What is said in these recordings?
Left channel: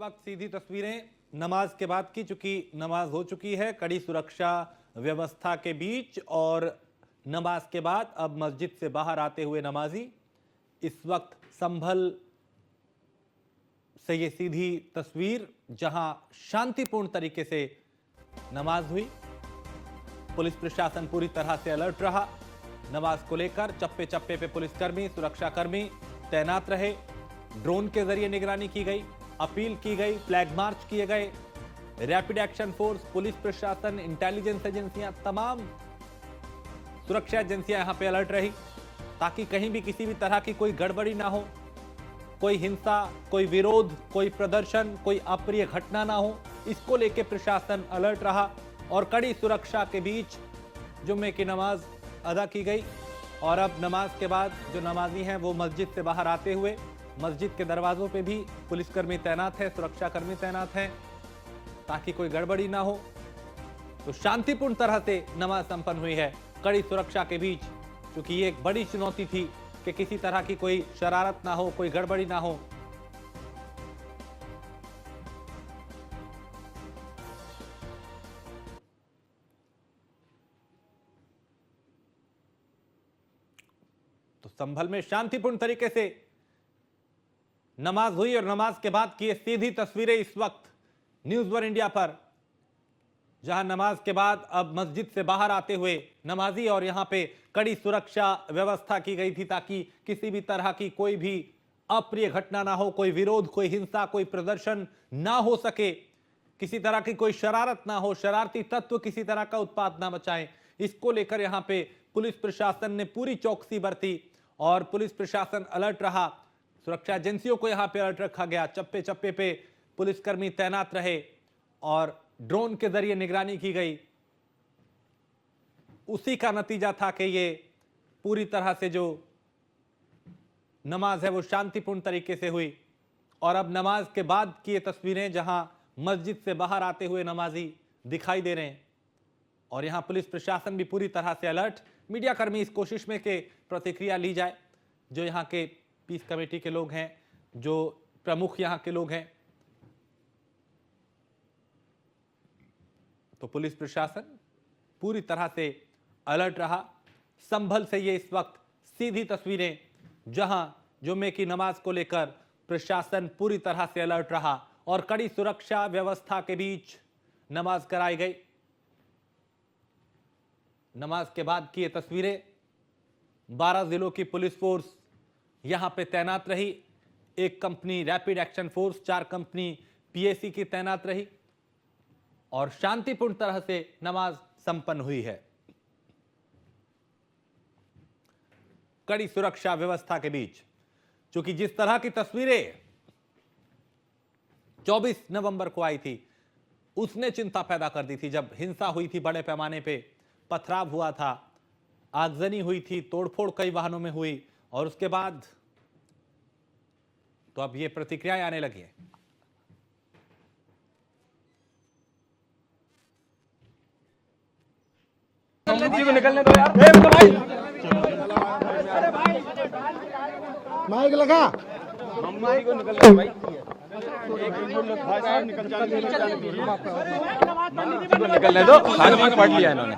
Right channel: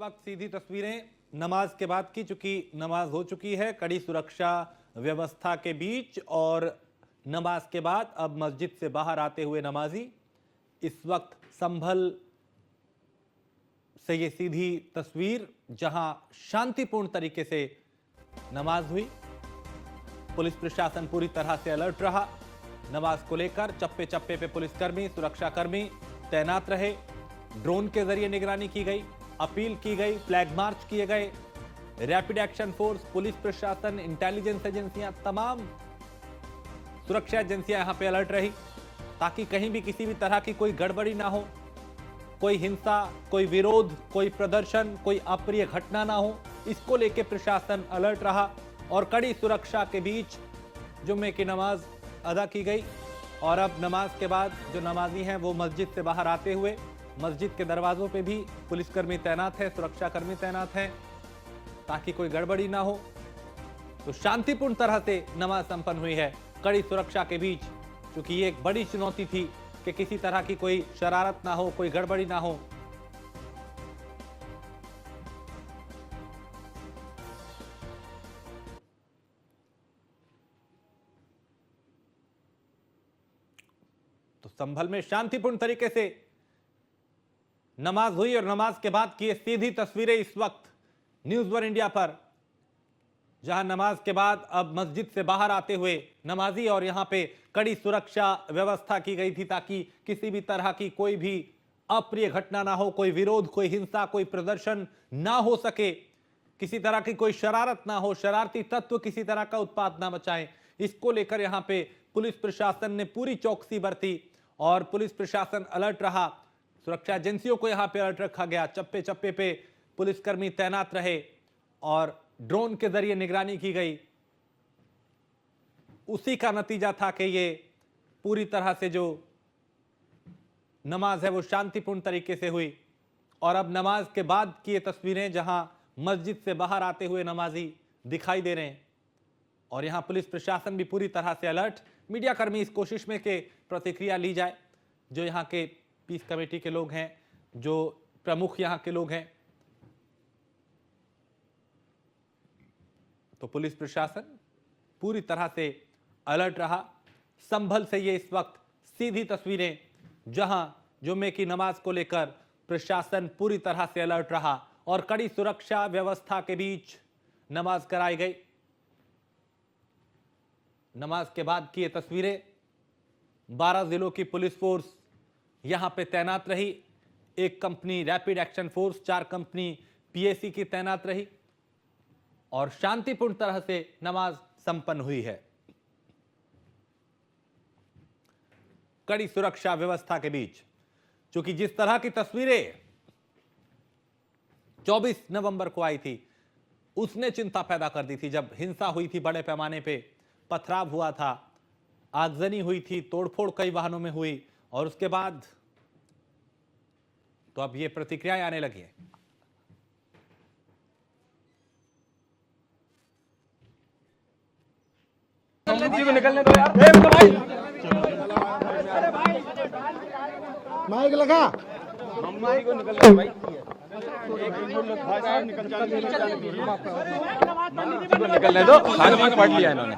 वक्त सीधी तस्वीरें नमाज के बाद की, चूंकि नमाज हो चुकी है कड़ी सुरक्षा व्यवस्था के बीच, और नमाज के बाद अब मस्जिद से बाहर आते हुए नमाजी इस वक्त संभल से ये सीधी तस्वीर जहां शांतिपूर्ण तरीके से नमाज हुई। पुलिस प्रशासन पूरी तरह से अलर्ट रहा। नमाज को लेकर चप्पे चप्पे पे पुलिसकर्मी, सुरक्षाकर्मी तैनात रहे। ड्रोन के जरिए निगरानी की गई, अपील की गई, फ्लैग मार्च किए गए। रैपिड एक्शन फोर्स, पुलिस प्रशासन, इंटेलिजेंस एजेंसियां, तमाम सुरक्षा एजेंसियां यहां पे अलर्ट रही ताकि कहीं भी किसी भी तरह की कोई गड़बड़ी ना हो, कोई हिंसा, कोई विरोध, कोई प्रदर्शन, कोई अप्रिय घटना ना हो। इसको लेकर प्रशासन अलर्ट रहा और कड़ी सुरक्षा के बीच जुम्मे की नमाज अदा की गई। और अब नमाज के बाद जो नमाजी हैं वो मस्जिद से बाहर आते हुए मस्जिद के दरवाजों पे भी पुलिसकर्मी तैनात है, सुरक्षाकर्मी तैनात हैं ताकि कोई गड़बड़ी ना हो। तो शांतिपूर्ण तरह से नमाज संपन्न हुई है कड़ी सुरक्षा के बीच, क्योंकि ये एक बड़ी चुनौती थी कि किसी तरह की कोई शरारत ना हो, कोई गड़बड़ी ना हो। तो संभल में शांतिपूर्ण तरीके से नमाज हुई और नमाज के बाद की सीधी तस्वीरें इस वक्त न्यूज़ वन इंडिया पर, जहां नमाज के बाद अब मस्जिद से बाहर आते हुए नमाजी और यहां पे कड़ी सुरक्षा व्यवस्था की गई थी ताकि किसी भी तरह की कोई भी अप्रिय घटना ना हो, कोई विरोध, कोई हिंसा, कोई प्रदर्शन ना हो सके, किसी तरह की कोई शरारत ना हो, शरारती तत्व किसी तरह का उत्पात ना मचाएं। इसको लेकर यहां पे पुलिस प्रशासन ने पूरी चौकसी बरती और पुलिस प्रशासन अलर्ट रहा। सुरक्षा एजेंसियों को यहां पे अलर्ट रखा गया, चप्पे चप्पे पे पुलिसकर्मी तैनात रहे और ड्रोन के जरिए निगरानी की गई। उसी का नतीजा था कि ये पूरी तरह से जो नमाज है वो शांतिपूर्ण तरीके से हुई। और अब नमाज के बाद की ये तस्वीरें जहां मस्जिद से बाहर आते हुए नमाजी दिखाई दे रहे हैं और यहां पुलिस प्रशासन भी पूरी तरह से अलर्ट। मीडिया कर्मी इस कोशिश में कि प्रतिक्रिया ली जाए, जो यहां के पीस कमेटी के लोग हैं, जो प्रमुख यहां के लोग हैं। तो पुलिस प्रशासन पूरी तरह से अलर्ट रहा। संभल से ये इस वक्त सीधी तस्वीरें जहां जुम्मे की नमाज को लेकर प्रशासन पूरी तरह से अलर्ट रहा और कड़ी सुरक्षा व्यवस्था के बीच नमाज कराई गई। नमाज के बाद की ये तस्वीरें, 12 जिलों की पुलिस फोर्स यहां पे तैनात रही। एक company rapid action force, 4 company PAC की तैनात रही और शांतिपूर्ण तरह से नमाज संपन्न हुई है कड़ी सुरक्षा व्यवस्था के बीच। क्योंकि जिस तरह की तस्वीरें 24 नवंबर को आई थी उसने चिंता पैदा कर दी थी, जब हिंसा हुई थी, बड़े पैमाने पे पथराव हुआ था, आगजनी हुई थी, तोड़फोड़ कई वाहनों में हुई और उसके बाद तो अब ये प्रतिक्रियाएं आने लगी है। जी को निकलने दो यार, भाई माइक लगा, मम्मा को निकलने दो भाई। निकलने दो, खाना पढ़ लिया इन्होंने।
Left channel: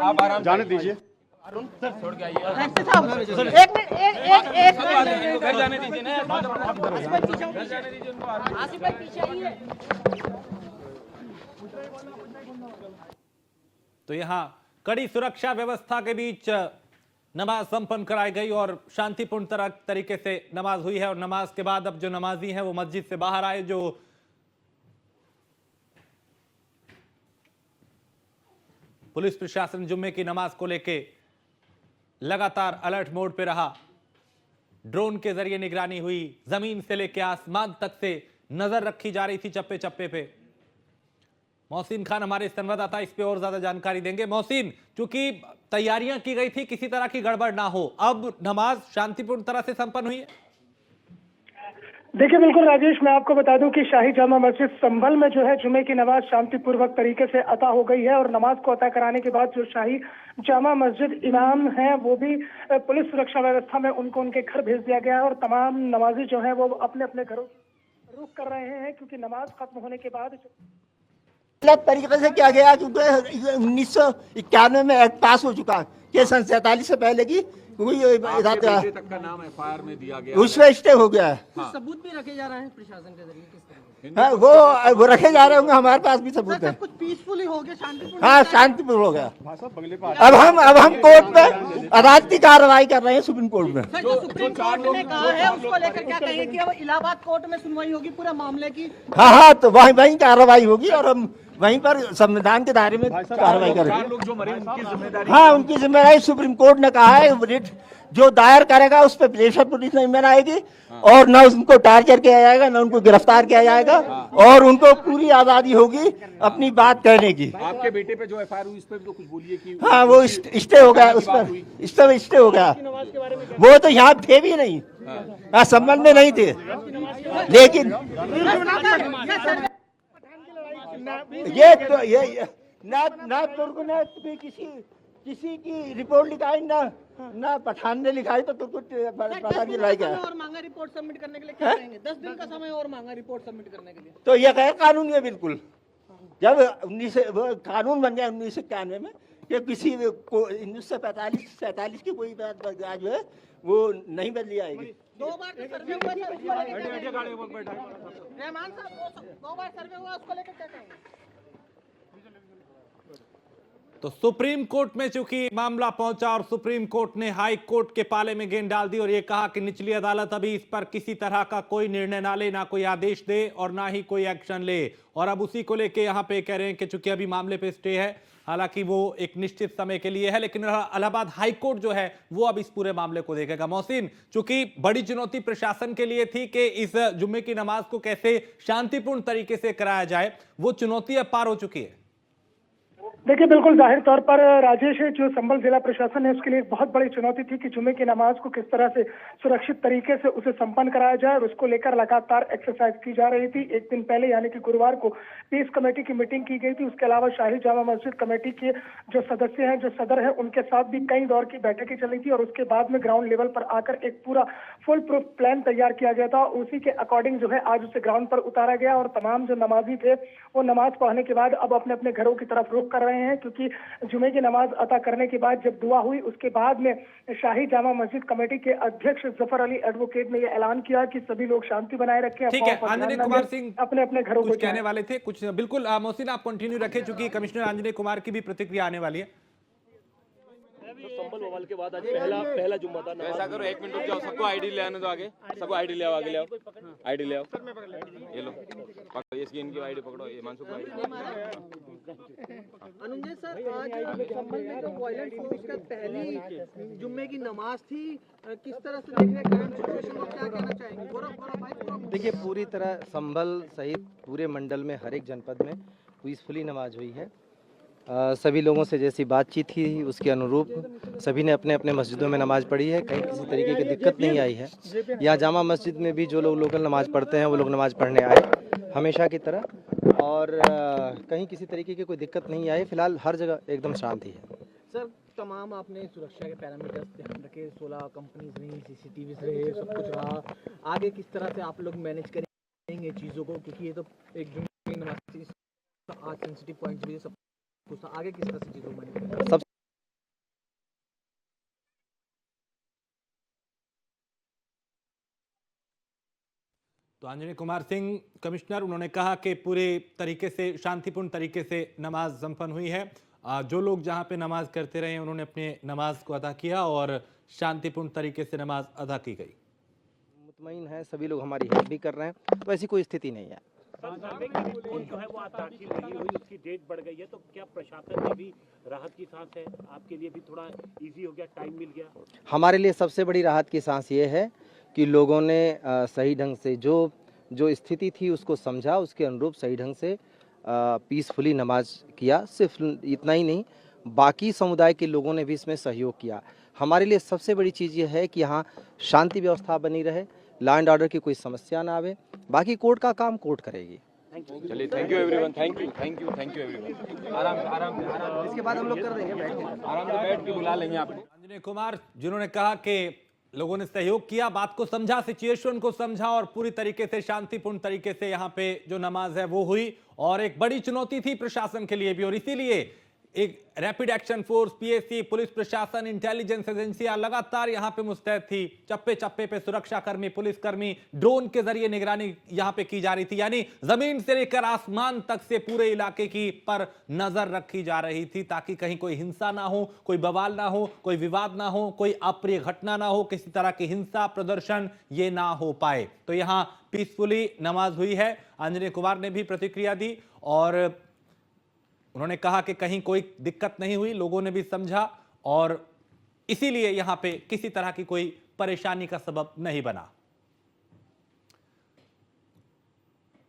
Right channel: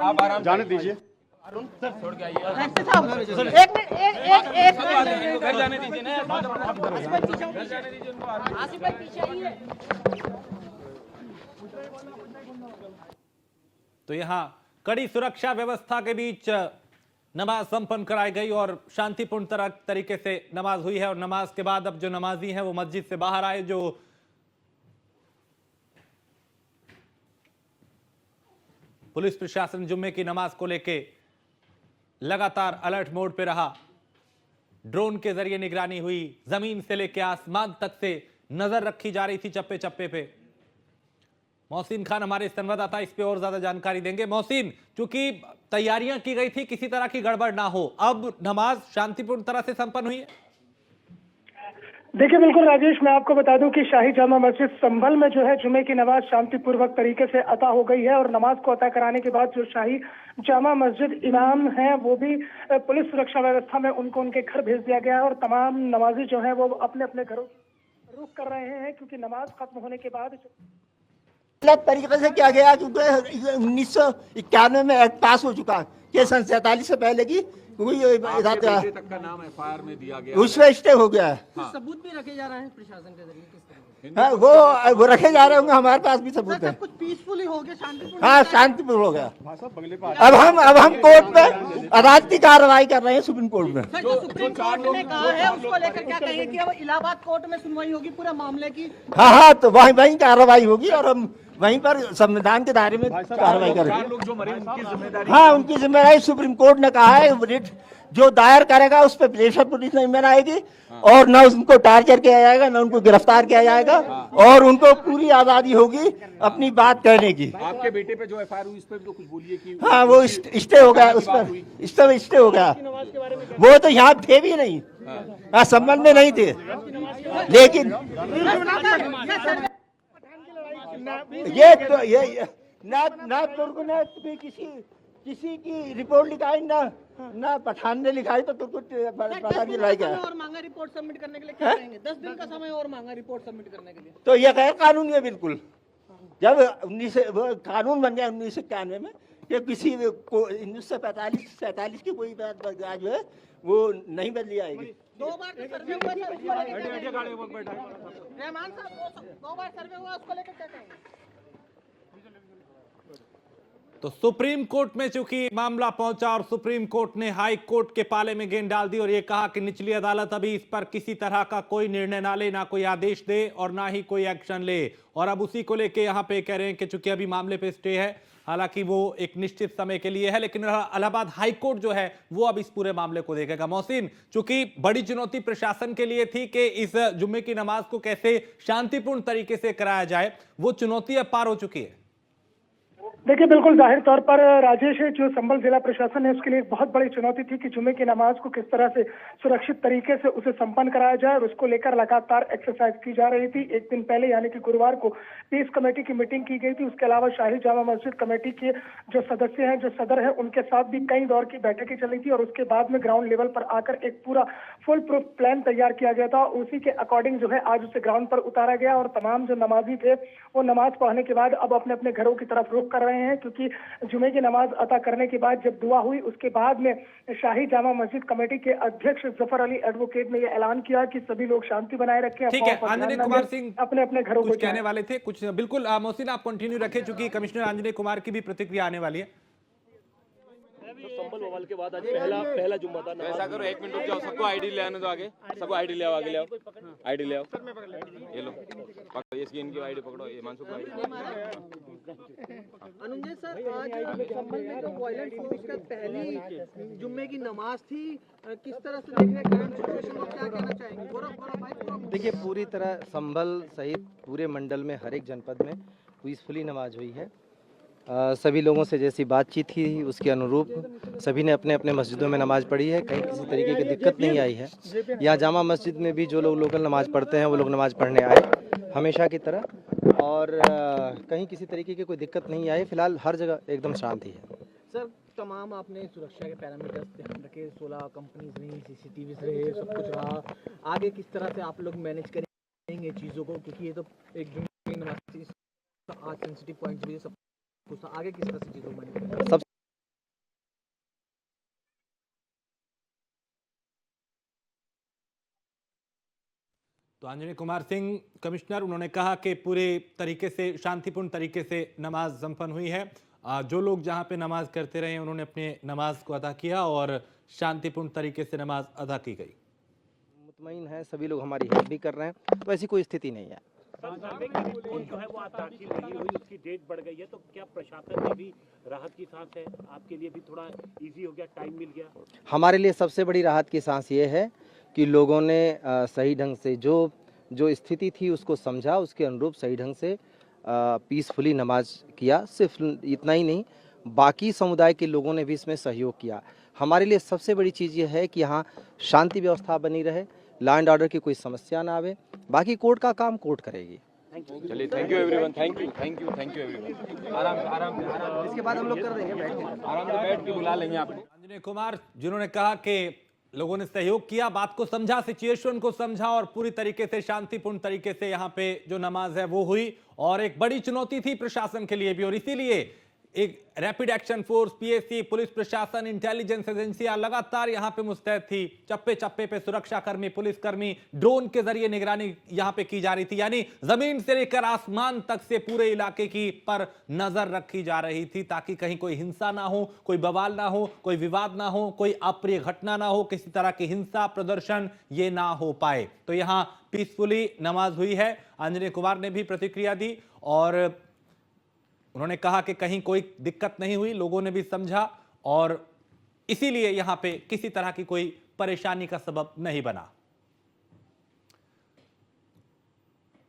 आप जाने दीजिए, छोड़ के आइए। एक मिनट, घर जाने दीजिए ना, आसिफ भाई पीछे आइए। तो यहां कड़ी सुरक्षा व्यवस्था के बीच नमाज संपन्न कराई गई और शांतिपूर्ण तरीके से नमाज हुई है। और नमाज के बाद अब जो नमाजी हैं वो मस्जिद से बाहर आए। जो पुलिस प्रशासन जुम्मे की नमाज को लेके लगातार अलर्ट मोड पे रहा। ड्रोन के जरिए निगरानी हुई, जमीन से लेकर आसमान तक से नजर रखी जा रही थी, चप्पे चप्पे पे। मोहसिन खान हमारे संवाददाता इस पे और ज्यादा जानकारी देंगे। मोहसिन, चूंकि तैयारियां की गई थी किसी तरह की गड़बड़ ना हो, अब नमाज शांतिपूर्ण तरह से संपन्न हुई है? देखिए बिल्कुल राजेश, मैं आपको बता दूं कि शाही जामा मस्जिद संभल में जो है जुमे की नमाज शांतिपूर्वक तरीके से अता हो गई है। और नमाज को अता कराने के बाद जो शाही जामा मस्जिद इमाम हैं वो भी पुलिस सुरक्षा व्यवस्था में उनको उनके घर भेज दिया गया है और तमाम नमाजी जो है वो अपने अपने घरों रुख कर रहे हैं क्योंकि नमाज खत्म होने के बाद गलत तरीके से किया गया क्योंकि 1991 में एक्ट पास हो चुका है 47 से पहले की तक का नाम एफआईआर में दिया गया उसमें स्टे हो गया है। सबूत भी रखे जा रहे हैं प्रशासन के जरिए किस तरह हाँ, वो रखे जा रहे होंगे, हमारे पास भी सबूत है। कुछ पीसफुली हो गया, शांतिपूर्ण हाँ, शांतिपूर्ण हो गया। अब हम कोर्ट में अदालती कार्रवाई कर रहे हैं सुप्रीम कोर्ट में। जो सुप्रीम कोर्ट ने कहा है उसको लेकर क्या कहेंगे कि अब इलाहाबाद कोर्ट में सुनवाई होगी पूरे मामले की? हाँ, तो वहीं कार्रवाई होगी और हम वहीं पर संविधान के दायरे में कार्रवाई करेंगे। लोग जो मरे उनकी जिम्मेदारी हाँ, उनकी जिम्मेदारी सुप्रीम कोर्ट ने कहा है, रिट जो दायर करेगा उस पर प्रेशर पुलिस नहीं बनाएगी और न उनको टारगेट किया जाएगा, न उनको गिरफ्तार किया जाएगा और उनको पूरी आजादी होगी अपनी बात कहने की। आपके बेटे पे जो एफआईआर हुई इस पर भी तो कुछ बोलिए कि हाँ, वो स्टे हो गया, उस पर स्टे हो गया। वो तो यहाँ थे भी नहीं, हाँ, संबंध में नहीं थे, लेकिन ये ना तुर्क ने किसी की रिपोर्ट लिखाई ना पठान ने लिखाई, तो तुर्क पता नहीं लगा। और मांगा रिपोर्ट सबमिट करने के लिए क्या कहेंगे? 10 दिन का समय और मांगा रिपोर्ट सबमिट करने के लिए। तो ये गैर कानूनी है बिल्कुल। जब कानून बन गया 1991 में कि किसी को 1945-47 की कोई बात जो है वो नहीं बदली आएगी। 2 बार सर्वे हुआ था, उसको लेकर रहमान साहब 2 बार सर्वे हुआ, उसको लेकर क्या कहेंगे? तो सुप्रीम कोर्ट में चूंकि मामला पहुंचा और सुप्रीम कोर्ट ने हाई कोर्ट के पाले में गेंद डाल दी और ये कहा कि निचली अदालत अभी इस पर किसी तरह का कोई निर्णय ना ले, ना कोई आदेश दे और ना ही कोई एक्शन ले। और अब उसी को लेके यहाँ पे कह रहे हैं कि चूंकि अभी मामले पे स्टे है, हालांकि वो एक निश्चित समय के लिए है, लेकिन इलाहाबाद हाई कोर्ट जो है वो अब इस पूरे मामले को देखेगा। मोहसिन, चूंकि बड़ी चुनौती प्रशासन के लिए थी कि इस जुम्मे की नमाज को कैसे शांतिपूर्ण तरीके से कराया जाए, वो चुनौती अब पार हो चुकी है। देखिए, बिल्कुल जाहिर तौर पर राजेश, जो संभल जिला प्रशासन है उसके लिए एक बहुत बड़ी चुनौती थी कि जुमे की नमाज को किस तरह से सुरक्षित तरीके से उसे संपन्न कराया जाए और उसको लेकर लगातार एक्सरसाइज की जा रही थी। एक दिन पहले यानी कि गुरुवार को पीस कमेटी की मीटिंग की गई थी। उसके अलावा शाही जामा मस्जिद कमेटी के जो सदस्य हैं, जो सदर है, उनके साथ भी कई दौर की बैठकें चली थी और उसके बाद में ग्राउंड लेवल पर आकर एक पूरा फुल प्रूफ प्लान तैयार किया गया था। उसी के अकॉर्डिंग जो है आज उसे ग्राउंड पर उतारा गया और तमाम जो नमाजी थे वो नमाज पढ़ने के बाद अब अपने अपने घरों की तरफ रुख कर रहे हैं, क्योंकि जुमे की नमाज अता करने के बाद जब दुआ हुई उसके बाद में शाही जामा मस्जिद कमेटी के अध्यक्ष जफर अली एडवोकेट ने यह ऐलान किया कि सभी लोग शांति बनाए रखें, ठीक है। आंजनेय कुमार सिंह अपने अपने घरों को कहने वाले थे कुछ, बिल्कुल मोहसिन आप कंटिन्यू रखें, चूंकि कमिश्नर आंजनेय कुमार की भी प्रतिक्रिया आने वाली है। संभल बवाल के बाद आज पहला जुम्मा था। ऐसा करो, 1 मिनट रुक जाओ, सबको आईडी ले आने दो, आगे सबको आईडी ले आओ, आगे ले आओ, आईडी ले आओ, ये लो पकड़ो, इसकी इनकी आईडी पकड़ो, ये मानसुख को आईडी। अनुजय सर, आज संभल में जो वायलेंस हुआ उसका पहली जुम्मे की नमाज थी, किस तरह से देखने करंट सिचुएशन को क्या कहना चाहेंगे? देखिए, पूरी तरह संभल सहित पूरे मंडल में हर एक जनपद में पीसफुली नमाज हुई है। सभी लोगों से जैसी बातचीत थी उसके अनुरूप सभी ने अपने अपने मस्जिदों में नमाज पढ़ी है, कहीं किसी तरीके की दिक्कत नहीं आई है। यहाँ जामा मस्जिद में भी जो लोग लोकल नमाज पढ़ते हैं वो लोग नमाज पढ़ने आए हमेशा की तरह, और कहीं किसी तरीके की कोई दिक्कत नहीं आई। फिलहाल हर जगह एकदम शांति है। सर, तमाम आपने सुरक्षा के पैरामीटर्स ध्यान रखे, 16 कंपनीज रही, CCTV रहे, सब कुछ रहा। आगे किस तरह से आप लोग मैनेज करेंगे चीज़ों को, क्योंकि ये तो एक जुम्मे की नमाज आज सेंसिटिव पॉइंट्स भी सब कुछ, आगे किस तरह से चीज़ों को मैनेज करेंगे? सब तो आंजनेय कुमार सिंह कमिश्नर, उन्होंने कहा कि पूरे तरीके से शांतिपूर्ण तरीके से नमाज संपन्न हुई है। जो लोग जहां पे नमाज करते रहे उन्होंने अपने नमाज को अदा किया और शांतिपूर्ण तरीके से नमाज अदा की गई। मुतमईन है, सभी लोग हमारी हेल्प भी कर रहे हैं, तो ऐसी कोई स्थिति नहीं है। जो है वो आज दाखिल नहीं हुई, उसकी डेट बढ़ गई है, तो क्या प्रशासन में भी राहत की सांस है? आपके लिए भी थोड़ा इजी हो गया, टाइम मिल गया? हमारे लिए सबसे बड़ी राहत की सांस ये है कि लोगों ने सही ढंग से जो स्थिति थी उसको समझा, उसके अनुरूप सही ढंग से पीसफुली नमाज किया। सिर्फ इतना ही नहीं, बाकी समुदाय के लोगों ने भी इसमें सहयोग किया। हमारे लिए सबसे बड़ी चीज़ ये है कि यहाँ शांति व्यवस्था बनी रहे, लॉ एंड ऑर्डर की कोई समस्या ना आवे। बाकी कोर्ट का काम कोर्ट करेगी। चलिए, thank you everyone, thank you everyone. इसके बाद हम लोग कर देंगे, आराम से बैठ के बुला लेंगे आपको। आंजनेय कुमार जिन्होंने कहा कि लोगों ने सहयोग किया, बात को समझा, सिचुएशन को समझा और पूरी तरीके से शांतिपूर्ण तरीके से यहाँ पे जो नमाज है वो हुई। और एक बड़ी चुनौती थी प्रशासन के लिए भी, और इसीलिए एक rapid action force, PAC, police प्रशासन, इंटेलिजेंस एजेंसियां लगातार यहाँ पे मुस्तैद थी। चप्पे चप्पे पे सुरक्षाकर्मी, पुलिसकर्मी, ड्रोन के जरिए निगरानी यहाँ पे की जा रही थी, यानी जमीन से लेकर आसमान तक से पूरे इलाके की पर नजर रखी जा रही थी, ताकि कहीं कोई हिंसा ना हो, कोई बवाल ना हो, कोई विवाद ना हो, कोई अप्रिय घटना ना हो, किसी तरह की हिंसा प्रदर्शन ये ना हो पाए। तो यहाँ पीसफुली नमाज हुई है। आंजनेय कुमार ने भी प्रतिक्रिया दी और उन्होंने कहा कि कहीं कोई दिक्कत नहीं हुई, लोगों ने भी समझा और इसीलिए यहां पे किसी तरह की कोई परेशानी का सबब नहीं बना।